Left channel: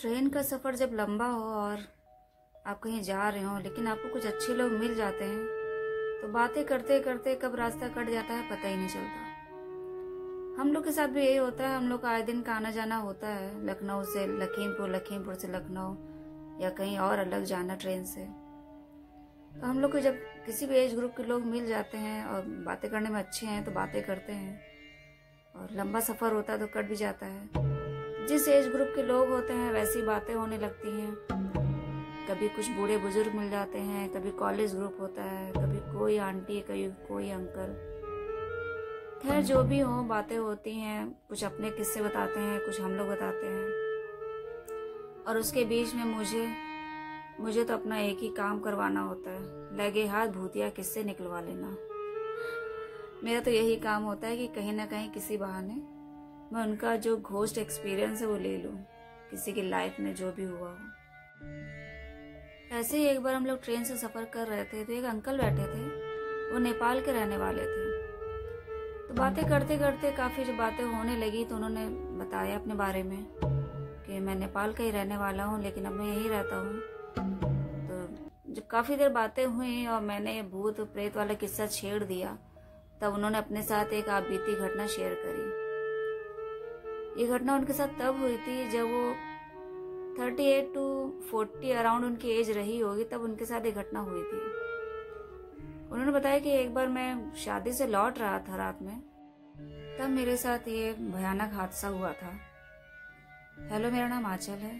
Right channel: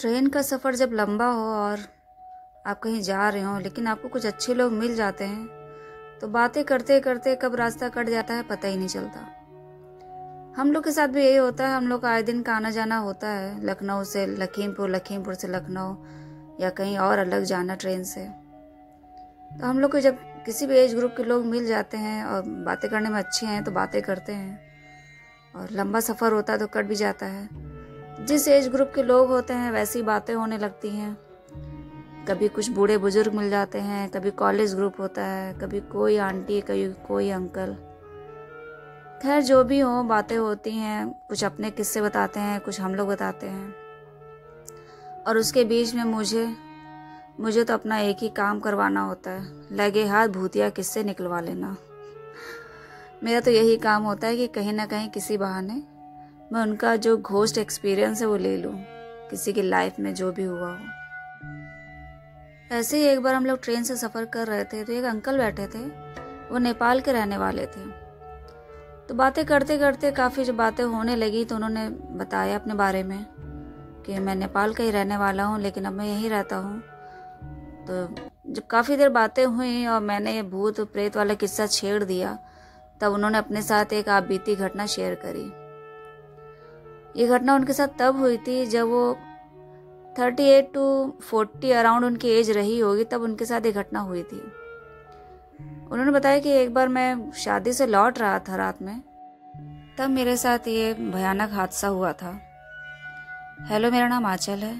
Train का सफ़र जब लंबा हो और आप कहीं जा रहे हो लेकिन आपको कुछ अच्छे लोग मिल जाते हैं तो बातें करते करते कब रास्ता कट जाता है पता ही नहीं चलता। हम लोग के साथ भी यही होता है। हम लोग का आए दिन का आना जाना होता है, लखनऊ से लखीमपुर, लखीमपुर से लखनऊ या कहीं और अलग जाना ट्रेन से। तो हम लोग को जब किसी भी एज ग्रुप के लोग मिल जाते हैं और बातें करने में अच्छे हैं तो बातें करते हैं, और लंबा सफ़र होता है तो कट भी जाता है। जिस एज ग्रुप के लोग होते हैं वैसी बातें होने लगती हैं। कभी कुछ बूढ़े बुजुर्ग मिल जाते हैं, कभी कॉलेज ग्रुप होता है, कभी कोई आंटी, कभी कोई अंकल। खैर जो भी हो, बातें होती हैं। कुछ अपने किस्से बताते हैं, कुछ हम लोग बताते हैं। और उसके बीच में मुझे तो अपना एक ही काम करवाना होता है, लगे हाथ भूतिया किस्से निकलवा लेना। मेरा तो यही काम होता है कि कहीं ना कहीं किसी बहाने मैं उनका जो घोस्ट एक्सपीरियंस है वो ले लूं, किसी की लाइफ में जो भी हुआ हो। ऐसे ही एक बार हम लोग ट्रेन से सफ़र कर रहे थे तो एक अंकल बैठे थे। वो नेपाल के रहने वाले थे। तो बातें करते करते काफ़ी जब बातें होने लगी तो उन्होंने बताया अपने बारे में कि मैं नेपाल का ही रहने वाला हूँ लेकिन अब मैं यहीं रहता हूँ। तो जब काफ़ी देर बातें हुई और मैंने ये भूत प्रेत वाला किस्सा छेड़ दिया, तब उन्होंने अपने साथ एक आप बीती घटना शेयर करी। ये घटना उनके साथ तब हुई थी जब वो 38 to 40 अराउंड उनकी एज रही होगी, तब उनके साथ ये घटना हुई थी। उन्होंने बताया कि एक बार मैं शादी से लौट रहा था रात में, तब मेरे साथ ये भयानक हादसा हुआ था। हेलो, मेरा नाम आंचल है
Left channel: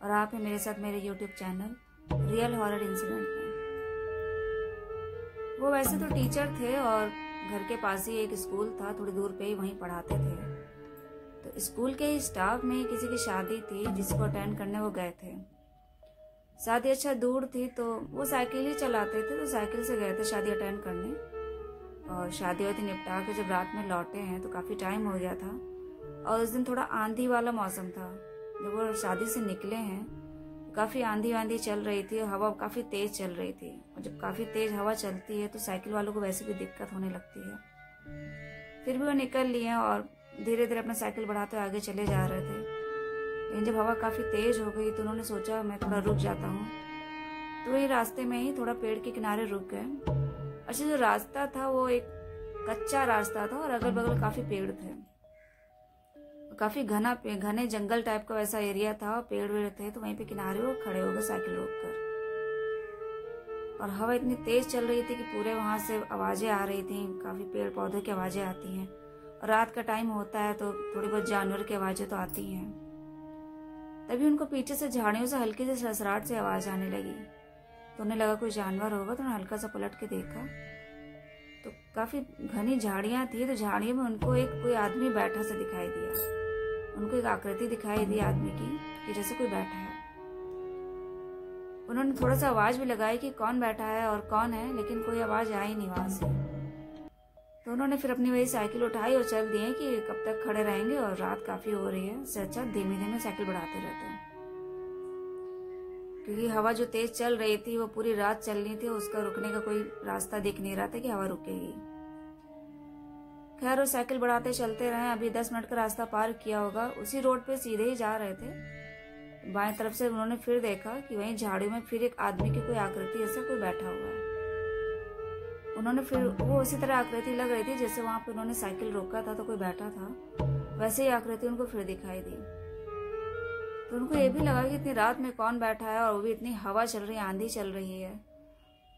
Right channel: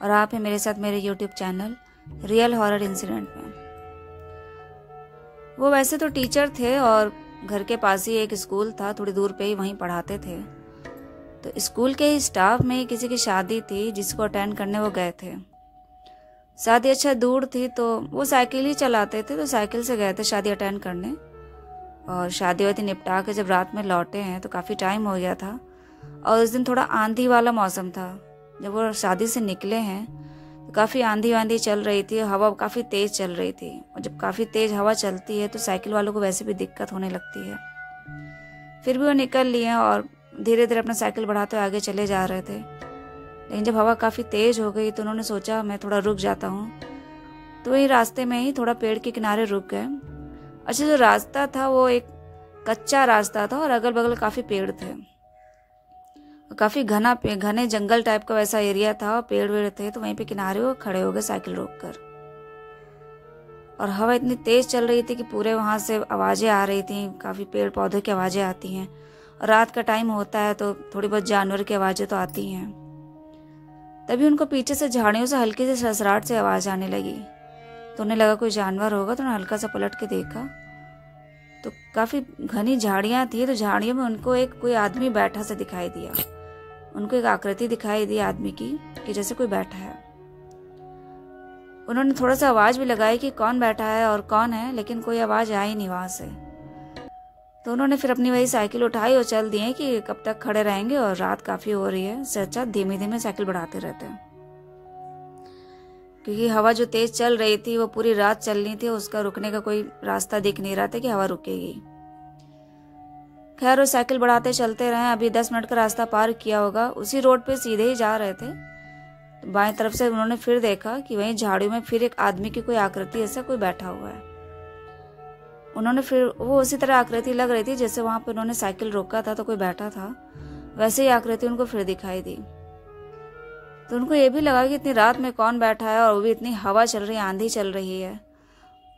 और आप हैं मेरे साथ मेरे YouTube channel real horror incident में। वो वैसे तो टीचर थे और घर के पास ही एक स्कूल था, थोड़ी दूर पे ही वहीं पढ़ाते थे। तो स्कूल के ही स्टाफ में किसी की शादी थी जिसको अटेंड करने वो गए थे। शादी अच्छा दूर थी तो वो साइकिल ही चलाते थे, तो साइकिल से गए थे शादी अटेंड करने। और शादी वादी निपटा के जब रात में लौटे हैं तो काफ़ी टाइम हो गया था और उस दिन थोड़ा आंधी वाला मौसम था। जब वो शादी से निकले हैं तो काफ़ी आंधी वांधी चल रही थी, हवा काफ़ी तेज़ चल रही थी। और जब काफ़ी तेज़ हवा चलती है तो साइकिल वालों को वैसे भी दिक्कत होने लगती है। फिर भी वो निकल लिए और धीरे धीरे अपना साइकिल बढ़ाते आगे चले जा रहे थे। लेकिन जब हवा काफ़ी तेज़ हो गई तो उन्होंने सोचा मैं थोड़ा रुक जाता हूँ। तो वही रास्ते में ही थोड़ा पेड़ के किनारे रुक गए। अच्छा, जो रास्ता था वो एक कच्चा रास्ता था और अगल बगल काफ़ी पेड़ थे, काफ़ी घने जंगल टाइप का वैसा एरिया था और पेड़ वेड़ थे। तो वहीं पे किनारे वो खड़े हो गए साइकिल रोक कर। और हवा इतनी तेज़ चल रही थी कि पूरे वहाँ से आवाज़ें आ रही थी, काफ़ी पेड़ पौधों की आवाज़ें आती हैं। रात का टाइम होता है तो थोड़ी बहुत जानवर की आवाज़ें तो आती हैं। तभी उनको पीछे से झाड़ियों से हल्की सी ससराहट से आवाज़ आने लगी। तो उन्हें लगा कोई जानवर होगा, तो उन्होंने हल्का सा पलट के देखा तो काफ़ी घनी झाड़ियाँ थी। तो झाड़ियों में उनको एक कोई आदमी बैठा सा दिखाई दिया। उनको एक आकृति दिखाई दी आदमी की कि जैसे कोई बैठा है। उन्होंने थोड़ा सा आवाज़ भी लगाई कि कौन बैठा है और कौन है, लेकिन कोई आवाज़ आई नहीं वहाँ से। तो उन्होंने फिर अपनी वही साइकिल उठाई और चल दिए कि कब तक खड़े रहेंगे और रात काफ़ी हो रही है, इससे अच्छा धीमे धीमे साइकिल बढ़ाते रहते हैं। क्योंकि हवा जो तेज़ चल रही थी वो पूरी रात चलनी थी, उसका रुकने का कोई रास्ता दिख नहीं रहा था कि हवा रुकेगी। खैर वो साइकिल बढ़ाते चलते रहे। अभी 10 मिनट का रास्ता पार किया होगा, उसी रोड पे सीधे ही जा रहे थे। तो बाएं तरफ से उन्होंने फिर देखा कि वहीं झाड़ियों में फिर एक आदमी की कोई आकृति ऐसा कोई बैठा हुआ है। उन्होंने फिर वो उसी तरह आकृति लग रही थी जैसे वहां पे उन्होंने साइकिल रोका था तो कोई बैठा था, वैसे ही आकृति उनको फिर दिखाई दी। तो उनको ये भी लगा कि इतनी रात में कौन बैठा है और वो भी इतनी हवा चल रही है, आंधी चल रही है।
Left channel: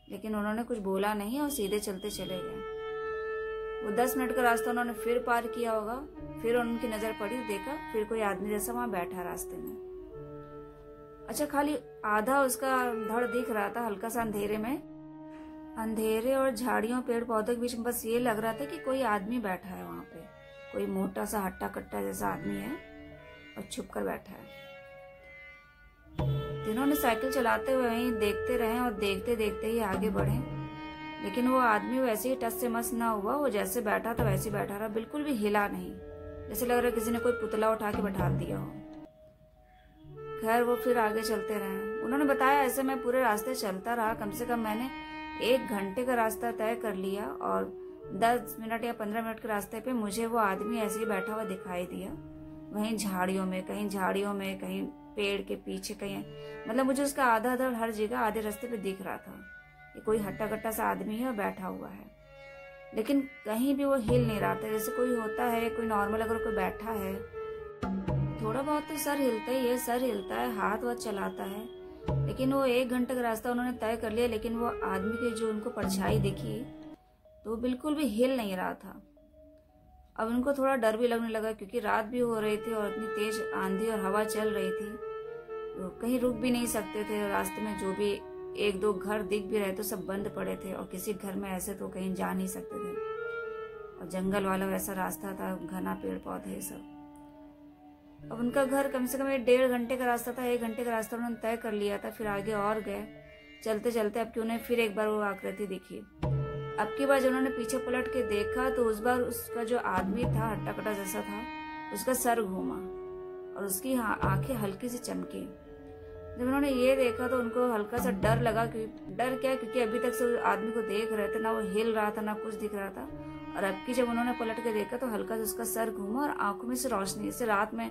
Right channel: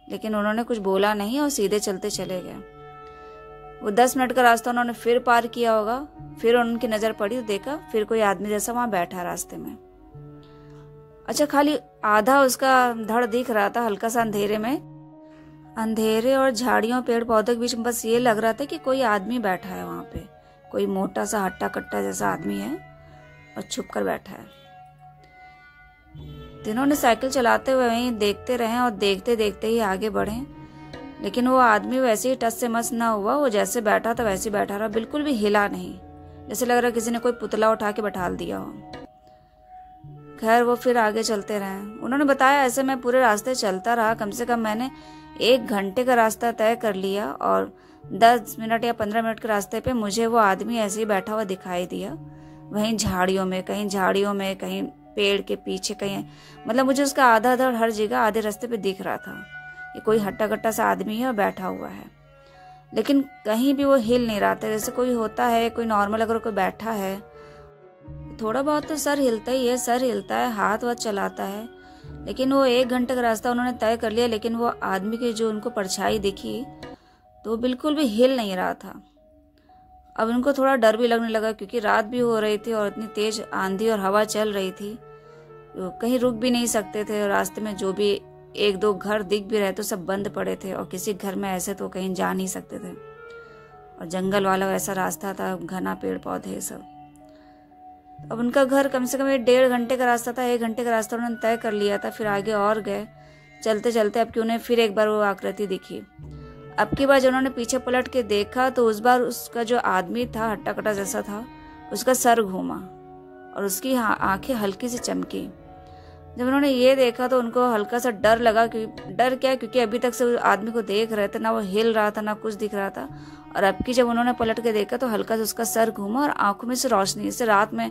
लेकिन उन्होंने कुछ बोला नहीं और सीधे चलते चले गए। वो 10 मिनट का रास्ता उन्होंने फिर पार किया होगा। फिर उनकी नज़र पड़ी तो देखा फिर कोई आदमी जैसा वहां बैठा रास्ते में। अच्छा, खाली आधा उसका धड़ दिख रहा था हल्का सा अंधेरे में। अंधेरे और झाड़ियों पेड़ पौधों के बीच में बस ये लग रहा था कि कोई आदमी बैठा है वहां पे, कोई मोटा सा हट्टा कट्टा जैसा आदमी है और छुप कर बैठा है। तीनों ने साइकिल चलाते हुए वहीं देखते रहे और देखते देखते ही आगे बढ़े। लेकिन वो आदमी वैसे ही टस से मस ना हुआ, वो जैसे बैठा था वैसे बैठा रहा, बिल्कुल भी हिला नहीं, जैसे लग रहा किसी ने कोई पुतला उठा के बैठा दिया हो। खैर वो फिर आगे चलते रहे। उन्होंने बताया ऐसे मैं पूरे रास्ते चलता रहा, कम से कम मैंने 1 घंटे का रास्ता तय कर लिया और 10 मिनट या 15 मिनट के रास्ते पे मुझे वो आदमी ऐसे ही बैठा हुआ दिखाई दिया। वहीं झाड़ियों में, कहीं पेड़ के पीछे कहीं, मतलब मुझे उसका आधा धड़ हर जगह आधे रास्ते पे दिख रहा था। ये कोई हट्टा कट्टा सा आदमी है और बैठा हुआ है, लेकिन कहीं भी वो हिल नहीं रहा था। जैसे कोई होता है, कोई नॉर्मल अगर कोई बैठा है, थोड़ा बहुत तो सर हिलता ही है, सर हिलता है, हाथ वाथ चलाता है, लेकिन वो 1 घंटे का रास्ता उन्होंने तय कर लिया, लेकिन वो आदमी की जो उनको परछाई दिखी तो बिल्कुल भी हिल नहीं रहा था। अब उनको थोड़ा डर भी लगने लगा, क्योंकि रात भी हो रही थी और इतनी तेज आंधी और हवा चल रही थी, तो कहीं रुक भी नहीं सकते थे। रास्ते में जो भी 1-2 घर दिख भी रहे तो सब बंद पड़े थे, और किसी घर में ऐसे तो कहीं जा नहीं सकते थे, और जंगल वाला वैसा रास्ता था, घना पेड़ पौधे सब। अब उनका घर कम से कम 1.5 घंटे का रास्ता था, 1 घंटे का रास्ता उन्होंने तय कर लिया था। फिर आगे और गए, चलते चलते अब कि उन्हें फिर एक बार वो आकृति दिखी। अब की बार जब उन्होंने पीछे पलट के देखा तो उस बार उसका जो आदमी था, हट्टा कट्टा जैसा था, उसका सर घूमा और उसकी आंखें हल्की सी चमकी। जब उन्होंने ये देखा तो उनको हल्का सा डर लगा। डर क्या, क्योंकि अभी तक से उस आदमी को देख रहे थे, ना वो हिल रहा था ना कुछ दिख रहा था, और अब की जब उन्होंने पलट के देखा तो हल्का सा उसका सर घूमा और आंखों में से रोशनी, जैसे रात में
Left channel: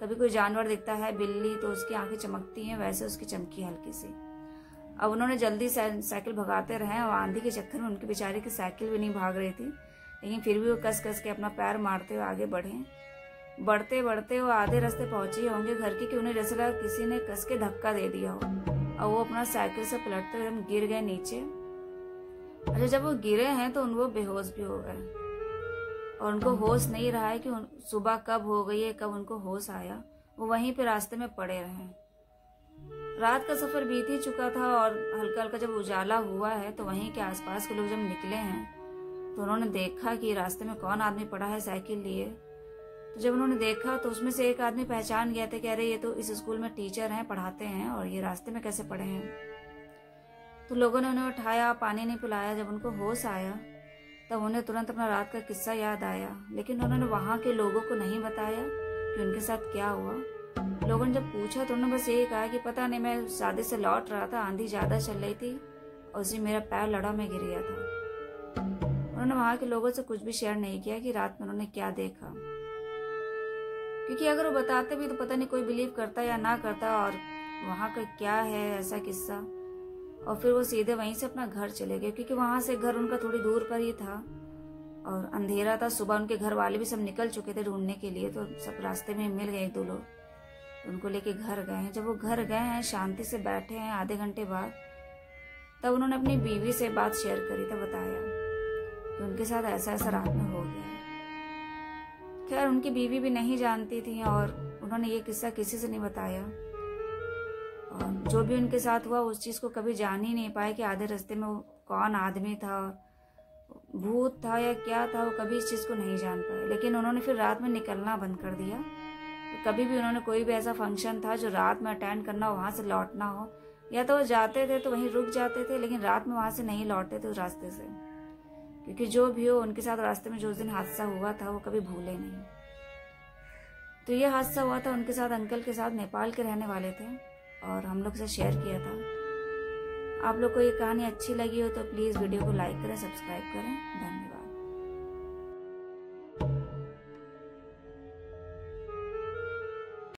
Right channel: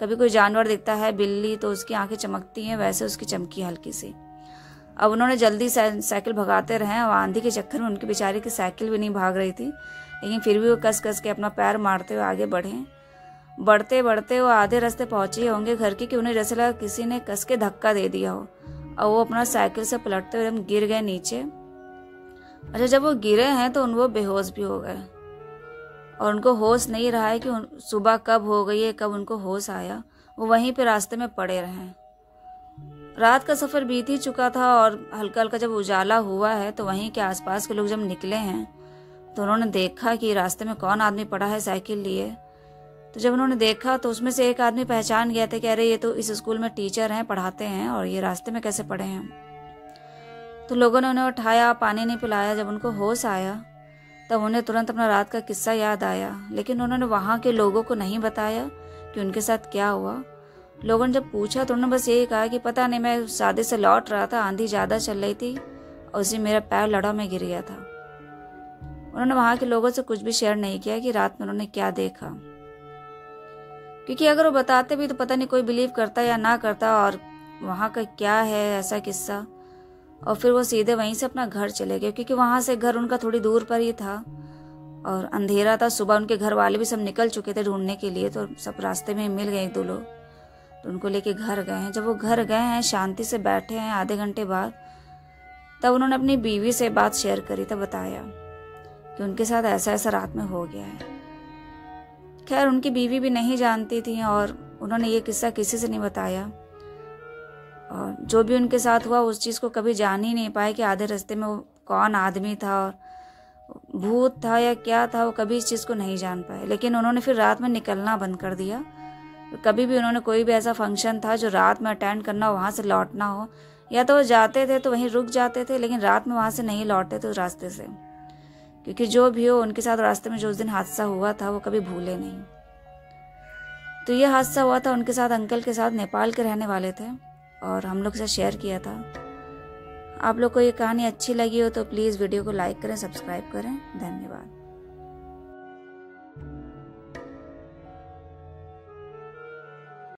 कभी कोई जानवर दिखता है, बिल्ली, तो उसकी आंखें चमकती हैं, वैसे उसकी चमकी हल्की सी। अब उन्होंने जल्दी साइकिल भगाते रहे, और आंधी के चक्कर में उनकी बेचारी की साइकिल भी नहीं भाग रही थी, लेकिन फिर भी वो कस कस के अपना पैर मारते हुए आगे बढ़े। बढ़ते बढ़ते वो आधे रास्ते पहुंचे होंगे घर के कि उन्हें जैसे लगा किसी ने कस के धक्का दे दिया हो, और वो अपना साइकिल से पलटते हुए एकदम गिर गए नीचे। अच्छा, जब वो गिरे हैं तो वो बेहोश भी हो गए, और उनको होश नहीं रहा है कि सुबह कब हो गई है, कब उनको होश आया। वो वहीं पे रास्ते में पड़े रहे। रात का सफर बीत ही चुका था, और हल्का हल्का जब उजाला हुआ है तो वहीं के आसपास के लोग जब निकले हैं तो उन्होंने देखा कि रास्ते में कौन आदमी पड़ा है साइकिल लिए। तो जब उन्होंने देखा तो उसमें से एक आदमी पहचान गया था कि अरे ये तो इस स्कूल में टीचर हैं, पढ़ाते हैं, और ये रास्ते में कैसे पड़े हैं। तो लोगों ने उन्हें उठाया, पानी नहीं पिलाया। जब उनको होश आया तब उन्हें तुरंत अपना रात का किस्सा याद आया, लेकिन उन्होंने वहाँ के लोगों को नहीं बताया कि उनके साथ क्या हुआ। लोगों ने जब पूछा तो उन्होंने बस यही कहा कि पता नहीं, मैं शादी से लौट रहा था, आंधी ज़्यादा चल रही थी और उसी मेरा पैर लड़ा, मैं गिर गया था। उन्होंने वहाँ के लोगों से कुछ भी शेयर नहीं किया कि रात में उन्होंने क्या देखा, क्योंकि अगर वो बताते भी तो पता नहीं कोई बिलीव करता या ना करता, और वहाँ का क्या है ऐसा किस्सा। और फिर वो सीधे वहीं से अपना घर चले गए, क्योंकि वहाँ से घर उनका थोड़ी दूर पर ही था और अंधेरा था। सुबह उनके घर वाले भी सब निकल चुके थे ढूंढने के लिए, तो सब रास्ते में मिल गए 1-2 लोग, तो उनको लेके घर गए हैं। जब वो घर गए हैं, शांति से बैठे हैं आधे घंटे बाद, तब उन्होंने अपनी बीवी से बात शेयर करी, तब बताया कि उनके साथ ऐसा ऐसा रात में हो गया है। खैर उनकी बीवी भी नहीं जानती थी, और उन्होंने ये किस्सा किसी से नहीं बताया, और जो भी उनके साथ हुआ उस चीज़ को कभी जान ही नहीं पाए कि आधे रास्ते में वो कौन आदमी था, और भूत था या क्या था, वो कभी इस चीज़ को नहीं जान पाए। लेकिन उन्होंने फिर रात में निकलना बंद कर दिया। तो कभी भी उन्होंने कोई भी ऐसा फंक्शन था जो रात में अटेंड करना, वहाँ से लौटना हो, या तो वो जाते थे तो वहीं रुक जाते थे, लेकिन रात में वहाँ से नहीं लौटते थे उस रास्ते से, क्योंकि जो भी हो उनके साथ रास्ते में जो उस दिन हादसा हुआ था वो कभी भूले नहीं। तो ये हादसा हुआ था उनके साथ, अंकल के साथ, नेपाल के रहने वाले थे, और हम लोग से शेयर किया था। आप लोग को ये कहानी अच्छी लगी हो तो प्लीज़ वीडियो को लाइक करें, सब्सक्राइब करें। धन्यवाद।